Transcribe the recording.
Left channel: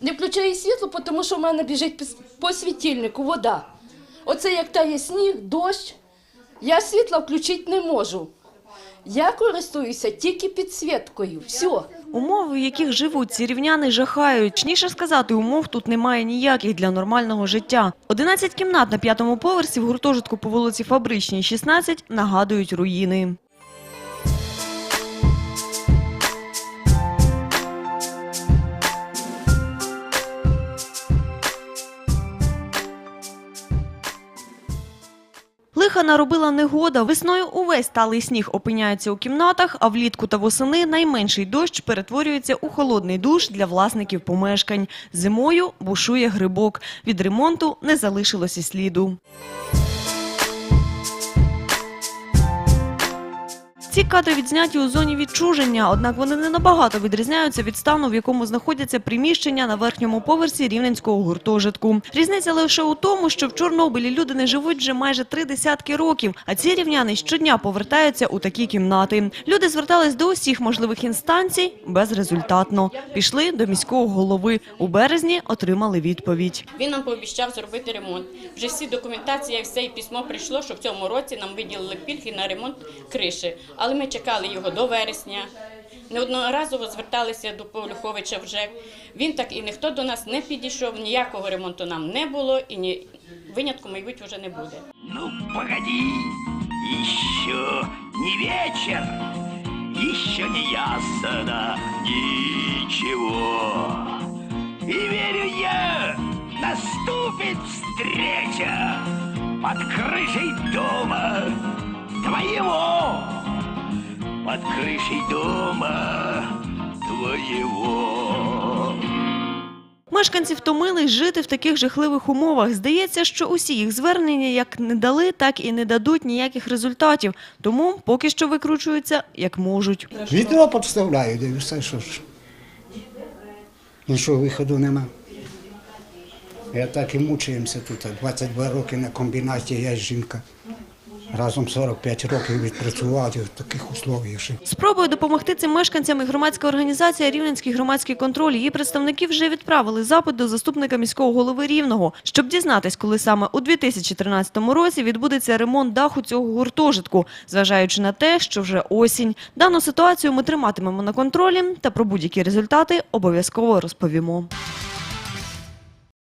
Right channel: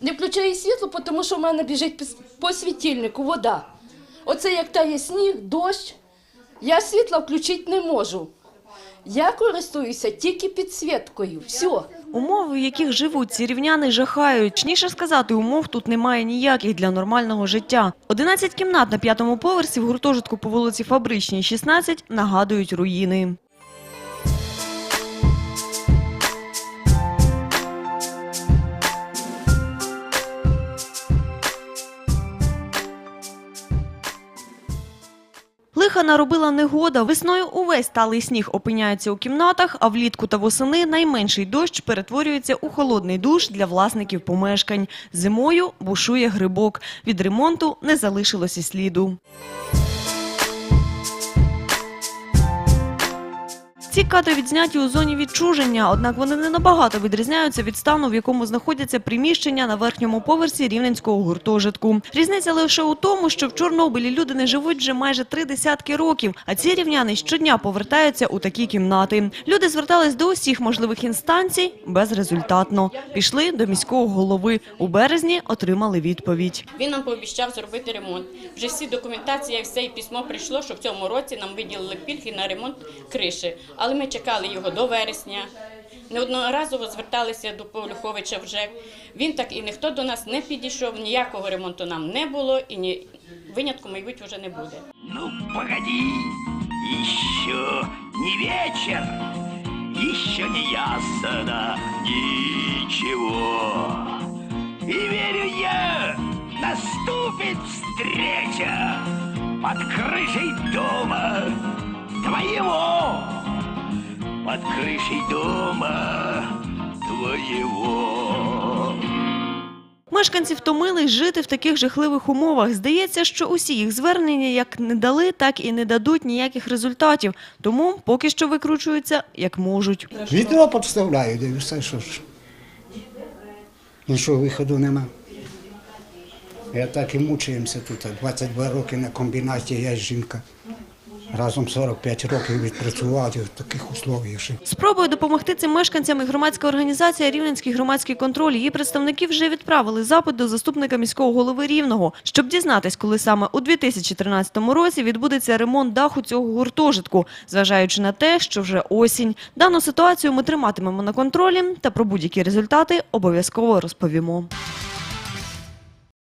Не включаю світло, тому що в мене біжить по світильнику вода. Оце як тає сніг, дощ. Я світла включити не можу. Я користуюся тільки підсвіткою. Все. Умови, в яких живуть ці рівняни, жахають. Чніше сказати, умов тут немає ніяких для нормального життя. 11 кімнат на п'ятому поверсі в гуртожитку по вулиці Фабричній, 16, нагадують руїни. Лиха наробила негода. Весною увесь талий сніг опиняється у кімнатах, а влітку та восени найменший дощ перетворюється у холодний душ для власників помешкань. Зимою бушує грибок. Від ремонту не залишилося сліду. Ці кадри відзняті у зоні відчуження, однак вони не набагато відрізняються від стану, в якому знаходяться приміщення на верхньому поверсі рівненського гуртожитку. Різниця лише у тому, що в Чорнобилі люди не живуть вже майже три десятки років, а ці рівняни щодня повертаються у такі кімнати. Люди звертались до усіх можливих інстанцій безрезультатно. Пішли до міського голови. У березні отримали відповідь. Він нам пообіцяв зробити ремонт. Вже всі документації, все і письмо прийшло, що в цьому році нам виділили пільги на ремонт криші але ми чекали його до вересня. Неодноразово зверталися до Павлюховича вже. Він так і ніхто до нас не підійшов, ніякого ремонту нам не було і ні винятку, мабуть, вже не буде. Ну, погоди, ще не вечір, ще не ясно нічого. І вірю я, наступить встреча під кришей дома твоєго под крышей дома твоєго. Мешканці втомились жити в таких жахливих умовах. Здається, що усі їх звернення як не дали, так і не дадуть ніяких результатів. Тому поки що викручуються як можуть. Відео підставляю, дивлюся, що ж нічого виходу нема. Я так і мучаємося тут. 22 роки на комбінаті я жінка. Разом 45 років відпрацювати в таких условиях Спробує допомогти цим мешканцям і громадська організація Рівненський громадський контроль. Її представники вже відправили запит до заступника міського голови Рівного, щоб дізнатись, коли саме у 2013 році відбудеться ремонт даху цього гуртожитку, зважаючи на те, що вже осінь. Дану ситуацію ми триматимемо на контролі та про будь-які результати обов'язково розповімо.